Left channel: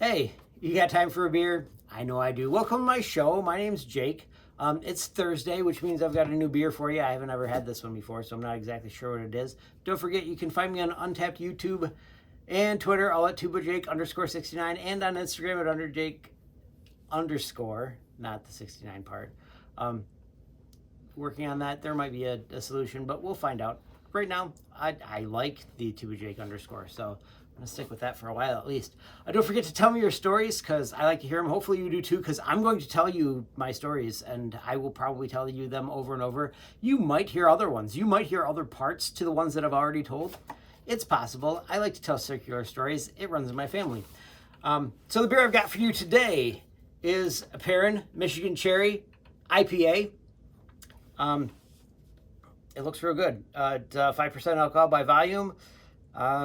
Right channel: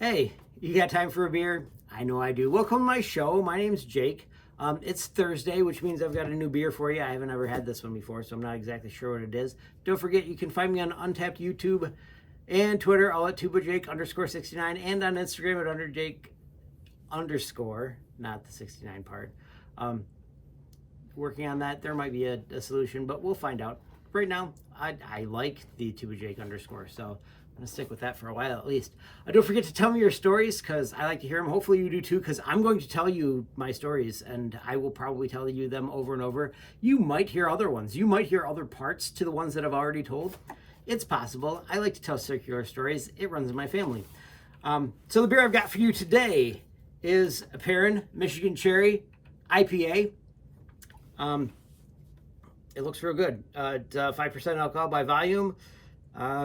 Hey, you got time for a beer? I know I do. Welcome to my show. My name's Jake. It's Thursday, which means I've got a new beer for you. I haven't ever had this one before, so I'm not exactly sure what it is. Don't forget, you can find me on Untapped YouTube and Twitter, all at @TubaJake_69, and on Instagram at _, not the 69 part. Working on that. There might be a solution, but we'll find out. Right now, I like the @TubaJake_, so I'm going to stick with that for a while at least. Don't forget to tell me your stories, because I like to hear them. Hopefully you do too, because I'm going to tell you my stories, and I will probably tell you them over and over. You might hear other ones. You might hear other parts to the ones that I've already told. It's possible. I like to tell circular stories. It runs in my family. So the beer I've got for you today is a Perrin Michigan Cherry IPA. It looks real good. It's 5% alcohol by volume,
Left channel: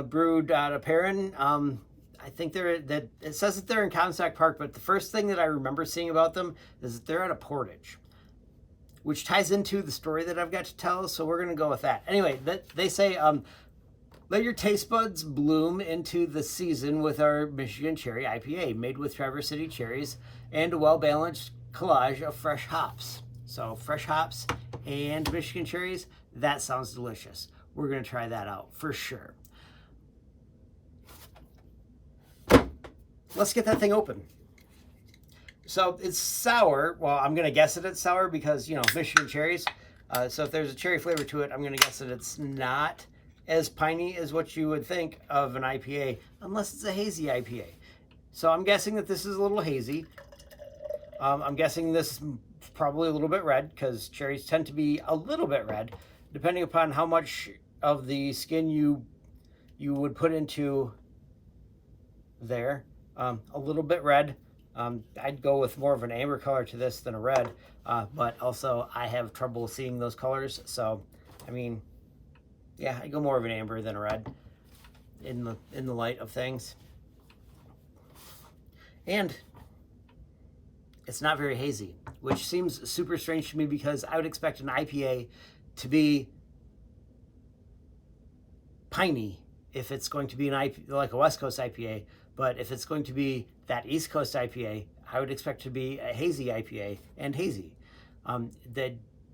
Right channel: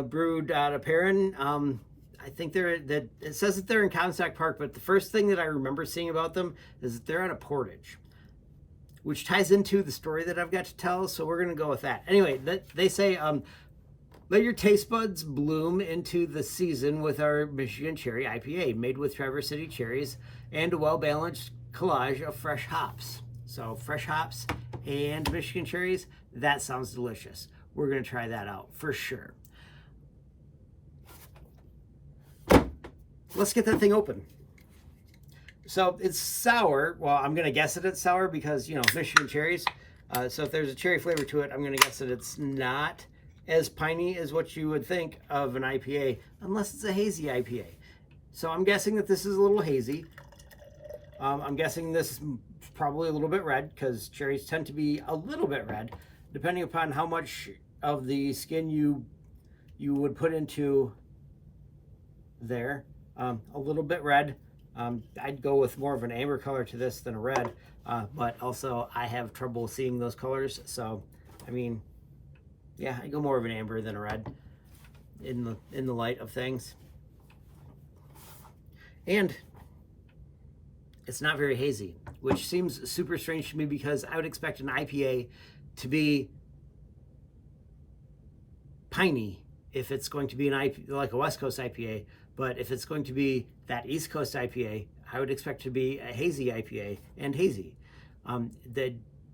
brewed out of Perrin. I think it says that they're in Comstock Park, but the first thing that I remember seeing about them is that they're out of Portage, which ties into the story that I've got to tell, so we're going to go with that. Anyway, they say, let your taste buds bloom into the season with our Michigan Cherry IPA, made with Traverse City cherries and a well-balanced collage of fresh hops. So fresh hops and Michigan cherries, that sounds delicious. We're going to try that out for sure. Let's get that thing open. So it's sour. Well, I'm going to guess that it's sour because, you know, Michigan cherries. So if there's a cherry flavor to it, I'm going to guess that it's not as piney as what you would think of an IPA, unless it's a hazy IPA. So I'm guessing that this is a little hazy. I'm guessing this is probably a little bit red, because cherries tend to be a little bit red, depending upon how much of the skin you would put into there. A little bit red. I'd go with more of an amber color to this than a red, but also I have trouble seeing those colors, so I mean, yeah, I go more of an amber than a red in the light of things. And it's not very hazy, which seems super strange to me, because I would expect an IPA to be piney if it's going to be like a West Coast IPA. But if it's going to be that East Coast IPA, I would expect to be a hazy IPA and hazy.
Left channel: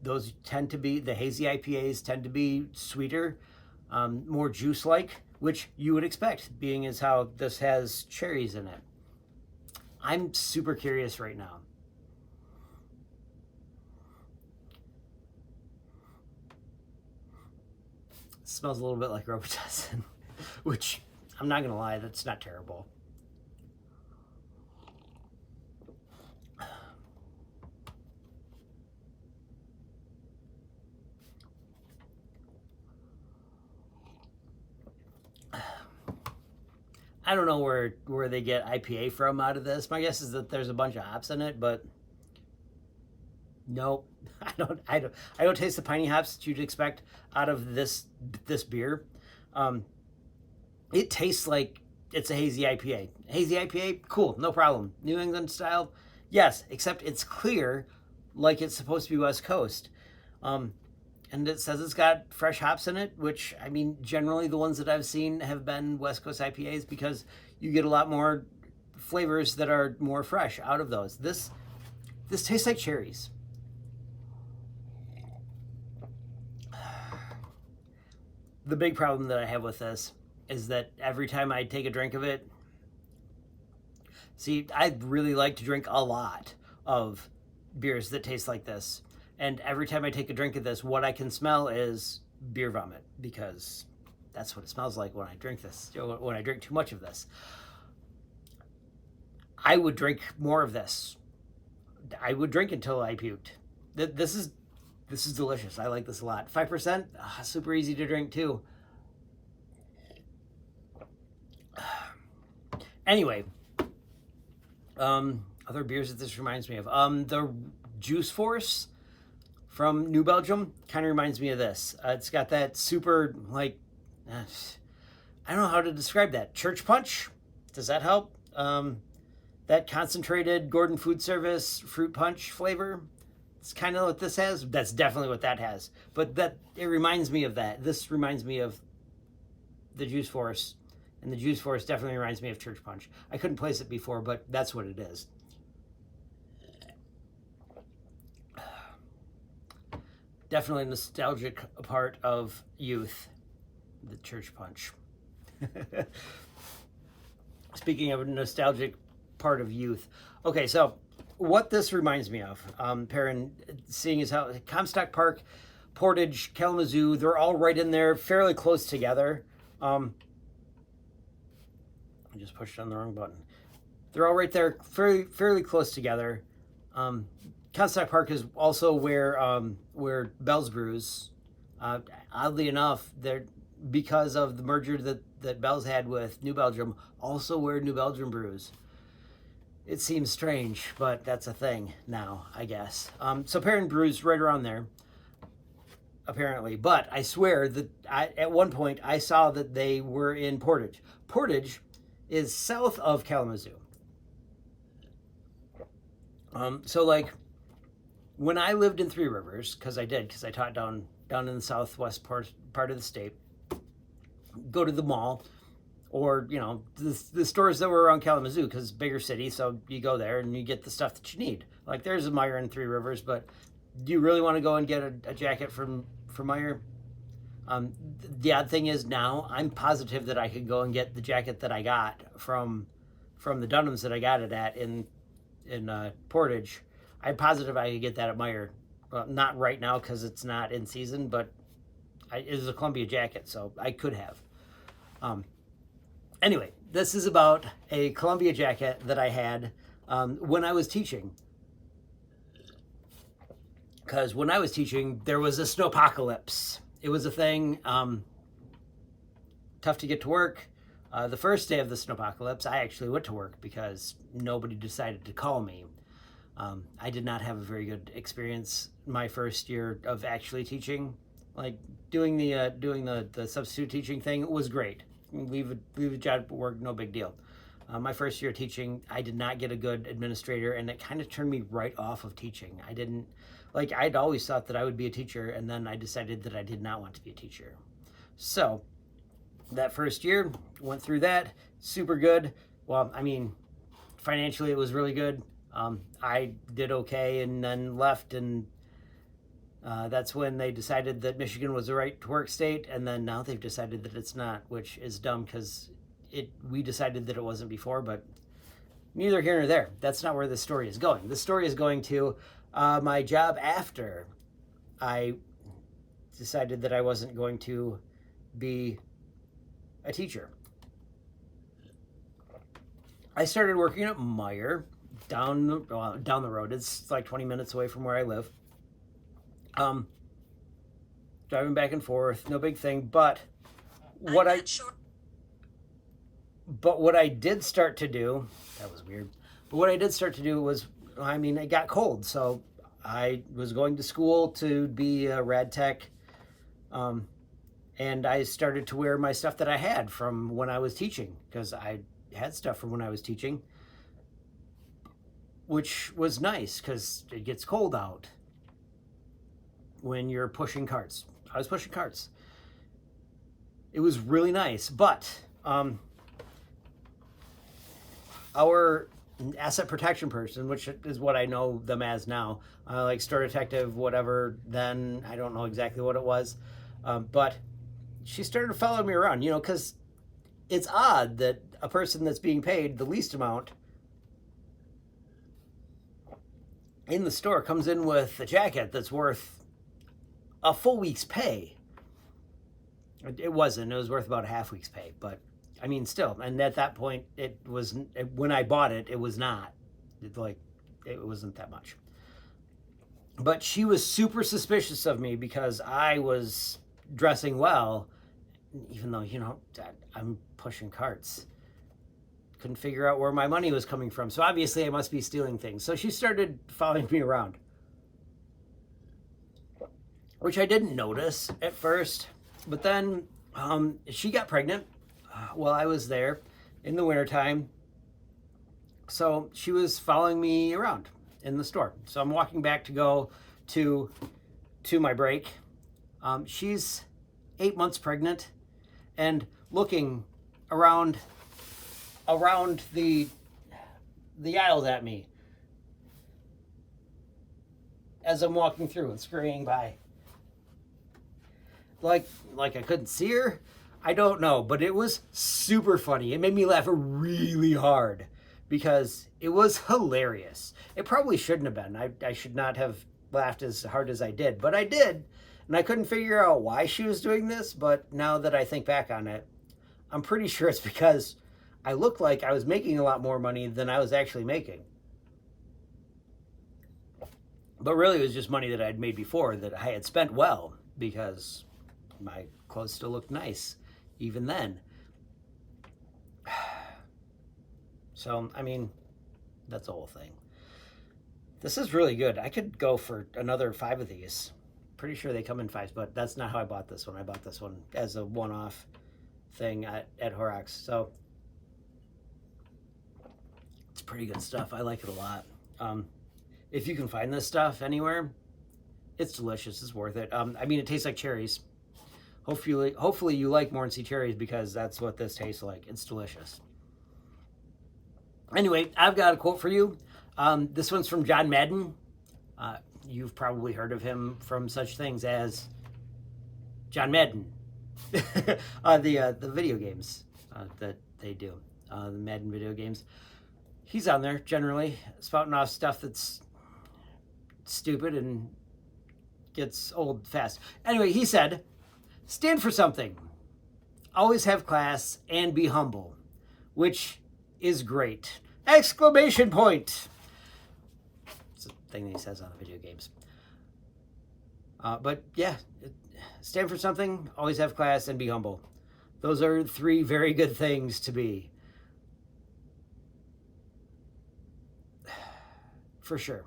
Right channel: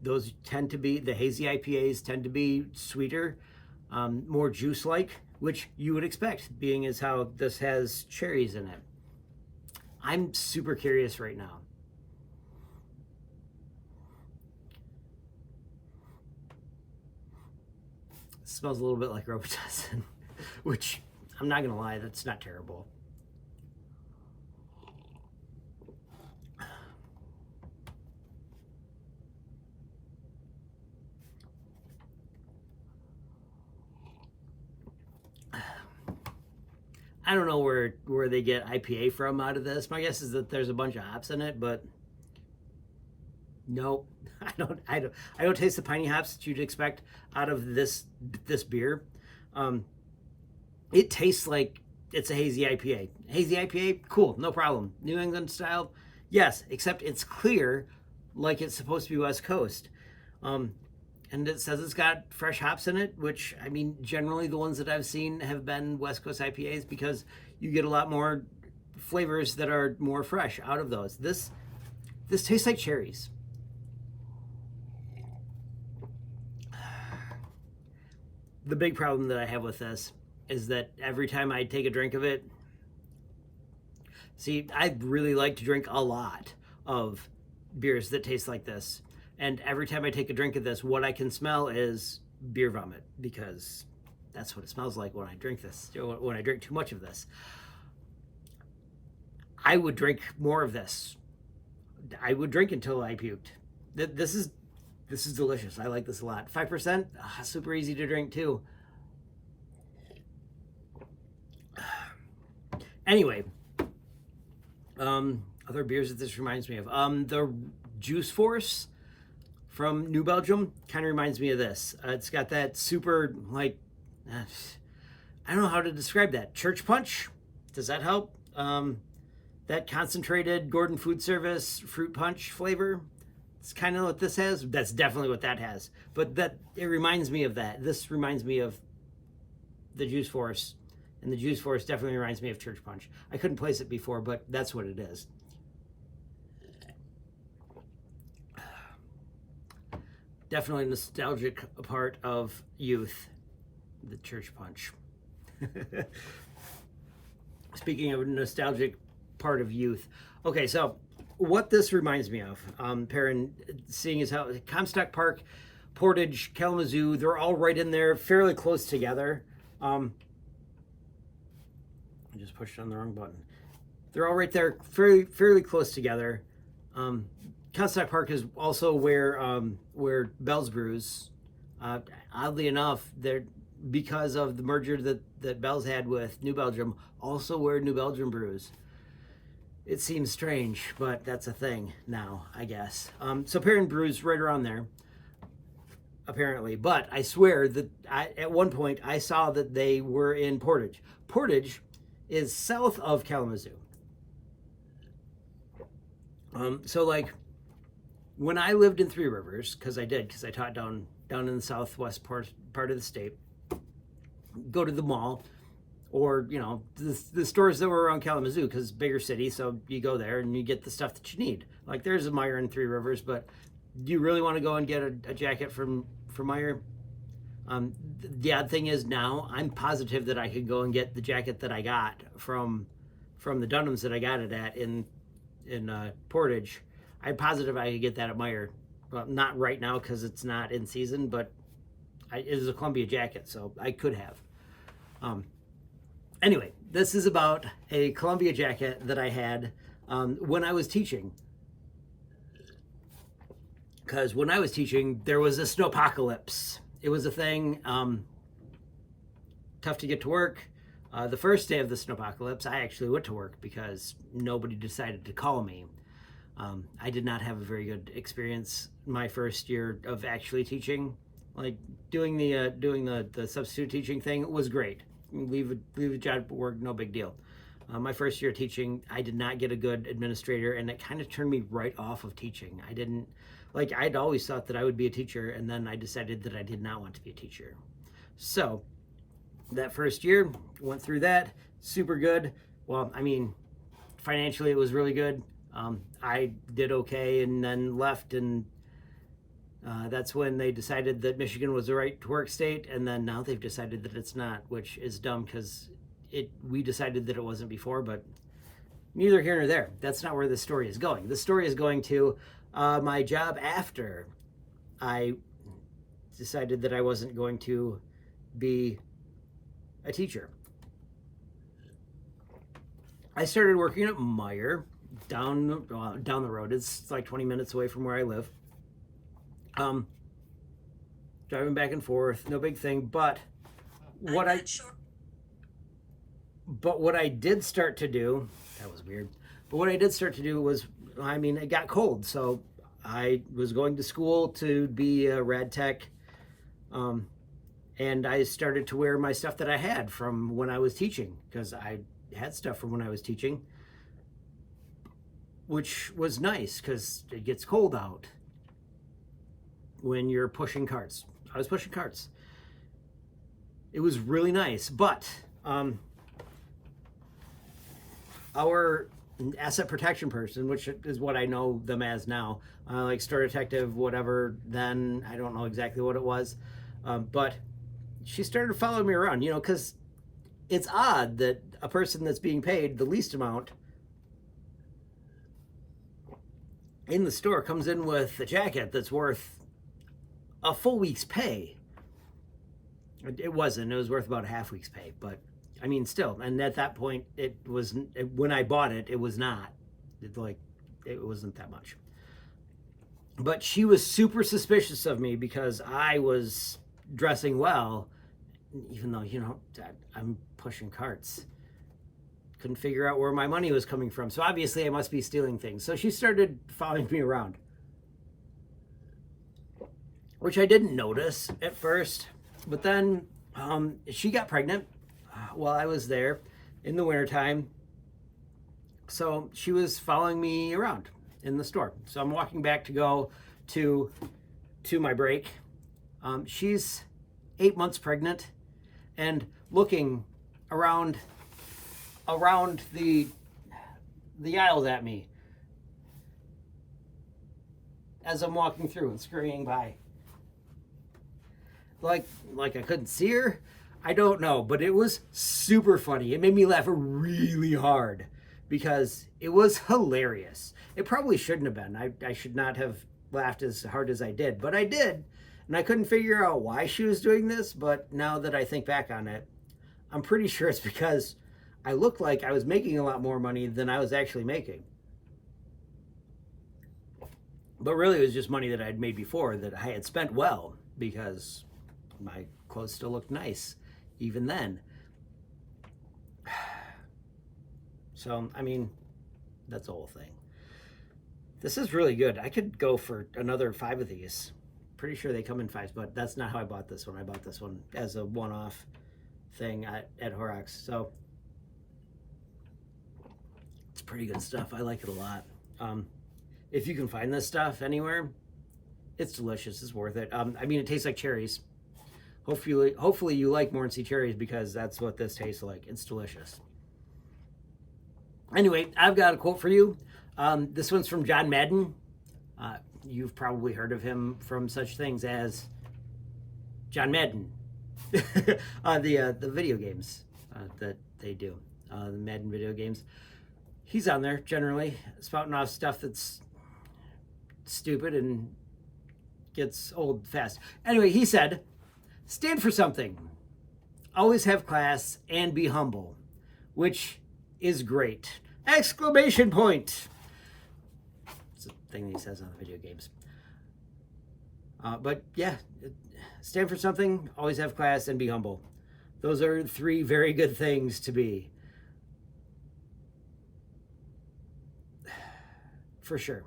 Those tend to be, the hazy IPAs tend to be sweeter, more juice-like, which you would expect, being as how this has cherries in it. I'm super curious right now. It smells a little bit like Robitussin, which I'm not gonna lie, that's not terrible. I don't know where they get IPA from out of this. My guess is that there's a bunch of hops in it, but nope. I don't taste the piney hops that you'd expect out of this beer. It tastes like it's a hazy IPA. Hazy IPA, cool, no problem. New England style, yes, except it's clear, like it's supposed to be West Coast. And it says it's got fresh hops in it, which, I mean, generally the ones that I've seen have been West Coast IPAs, because you get a lot more flavors that are more fresh out of those. This tastes like cherries. The big problem that I have with this is that every time I take a drink of it, see, I really like to drink a lot of beers that taste like this. And every time I take a drink of this, what I can smell is beer vomit, because that's what it smells like when I drink this, when I drink too much of this. I would drink more of this. I would drink until I puked. This is delicious. I like this a lot. 5%, super easy to drink too. Anyway, other beers that this reminds me of. The Juice Force from New Belgium kind of reminds me of this. It's got that super, like, I don't know how to describe that. Church punch? Does that help? That concentrated Gordon Food Service fruit punch flavor. It's kind of what this has. That's definitely what that has. But it reminds me of that. This reminds me of the Juice Force And the juice force definitely reminds me of church punch. I couldn't place it before, but that's what it is. Definitely nostalgic part of youth, the church punch. Speaking of a nostalgic part of youth. Okay, so what this reminds me of, Perrin, seeing as how Comstock Park, Portage, Kalamazoo, they're all right in there, fairly close together. I just pushed on the wrong button. They're all right there, fairly close together. Comstock Park is also where Bell's brews. Oddly enough, they're, because of the merger that Bell's had with New Belgium, also where New Belgium brews. It seems strange, but that's a thing now, I guess. So Perrin brews right around there, apparently. But I swear that at one point I saw that they were in Portage. Portage is south of Kalamazoo. So like when I lived in Three Rivers, because I taught down in the southwest part of the state, go to the mall, or you know, the stores that were around Kalamazoo, because bigger city, so you go there and you get the stuff that you need. Like there's a Meijer in Three Rivers, but do you really want to go and get a jacket from Meijer? The odd thing is now I'm positive that I could go and get the jacket that I got from the Dunhams that I got it at in Portage. I'm positive I could get that at Meijer. Well, not right now because it's not in season, but it is a Columbia jacket, so I could have. Anyway, this is about a Columbia jacket that I had when I was teaching. Because when I was teaching, there was a snowpocalypse. It was a thing, tough to get to work. The first day of the snowpocalypse, I actually went to work because nobody decided to call me. I did not have a very good experience my first year of actually teaching. Like doing the substitute teaching thing was great. Leave a job at work, no big deal. My first year teaching, I did not get a good administrator, and it kind of turned me right off of teaching. I'd always thought that I would be a teacher, and then I decided that I did not want to be a teacher. So that first year, went through that, super good. Well, I mean, financially it was really good. I did okay and then left, and that's when they decided that Michigan was the right to work state, and then now they've decided that it's not, which is dumb because we decided that it wasn't before, but neither here nor there. That's not where the story is going. The story is going to my job after I decided that I wasn't going to be a teacher. I started working at Meijer down the road. It's like 20 minutes away from where I live. Driving back and forth, no big thing, but what I did start to do, that was weird, but what I did start to do was, I mean, it got cold, so I was going to school to be a rad tech, and I started to wear my stuff that I had from when I was teaching, because I had stuff from when I was teaching, which was nice because it gets cold out when you're pushing carts. I was pushing carts. It was really nice, but our asset protection person, which is what I know them as now, like store detective, whatever, then I don't know exactly what it was, but she started following me around, you know, because it's odd that a person that's being paid the least amount in the store comes in with a jacket that's worth a full week's pay. It wasn't. It was worth about a half week's pay, but I mean, still. And at that point, when I bought it, it was not. It wasn't that much. But she was super suspicious of me because I was dressing well, even though, you know, I'm pushing carts. Couldn't figure out where my money was coming from. So obviously I must be stealing things. So she started following me around, which I didn't notice at first. But then she got pregnant while I was there in the wintertime. So she was following me around in the store. So I'm walking back to go to my break. She's 8 months pregnant and looking around the aisles at me as I'm walking through and scurrying by. Like I couldn't see her? I don't know, but it was super funny. It made me laugh really hard because it was hilarious. It probably shouldn't have been. I should not have laughed as hard as I did, but I did. And I couldn't figure out why she was doing this, but now that I think back on it, I'm pretty sure it's because I looked like I was making a lot more money than I was actually making. But really it was just money that I'd made before that I had spent well because my clothes still looked nice even then. So, I mean, that's the whole thing. This is really good. I could go for another 5 of these. Pretty sure they come in 5s, but that's not how I bought this one. I bought this one as a one-off thing at Horrocks. So it's pretty good stuff. I like it a lot. If you can find this stuff anywhere, it's delicious. It's worth it. I mean, it tastes like cherries. Hopefully you like Mornsey cherries because that's what this tastes like. It's delicious. Anyway, I've got a quote for you. This one's from John Madden. You've probably heard of him from such things as John Madden, the video games that they do, the Madden video games. He's on there generally spouting off stuff that's stupid and gets old fast. Anyway, he said, "Stand for something, always have class, and be humble," which is great! Exclamation point! It's a thing that he says on the video games. But yeah, stand for something, always have class, and be humble. Those are 3 very good things to be. For sure.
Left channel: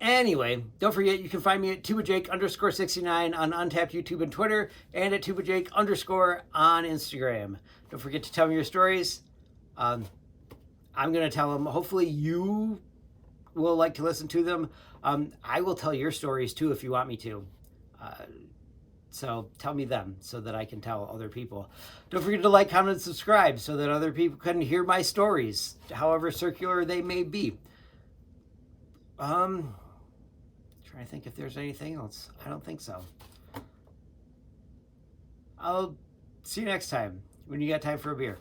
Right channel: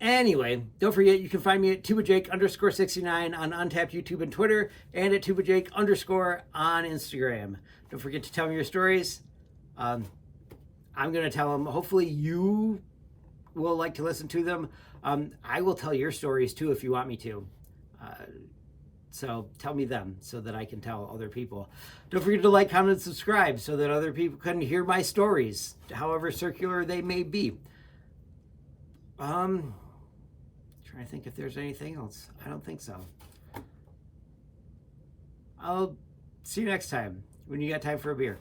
Anyway, don't forget you can find me at TubaJake_69 on Untapped YouTube and Twitter, and at TubaJake_ on Instagram. Don't forget to tell me your stories. I'm going to tell them. Hopefully you will like to listen to them. I will tell your stories too if you want me to. So tell me them so that I can tell other people. Don't forget to like, comment, and subscribe so that other people can hear my stories, however circular they may be. Trying to think if there's anything else. I don't think so. I'll see you next time when you got time for a beer.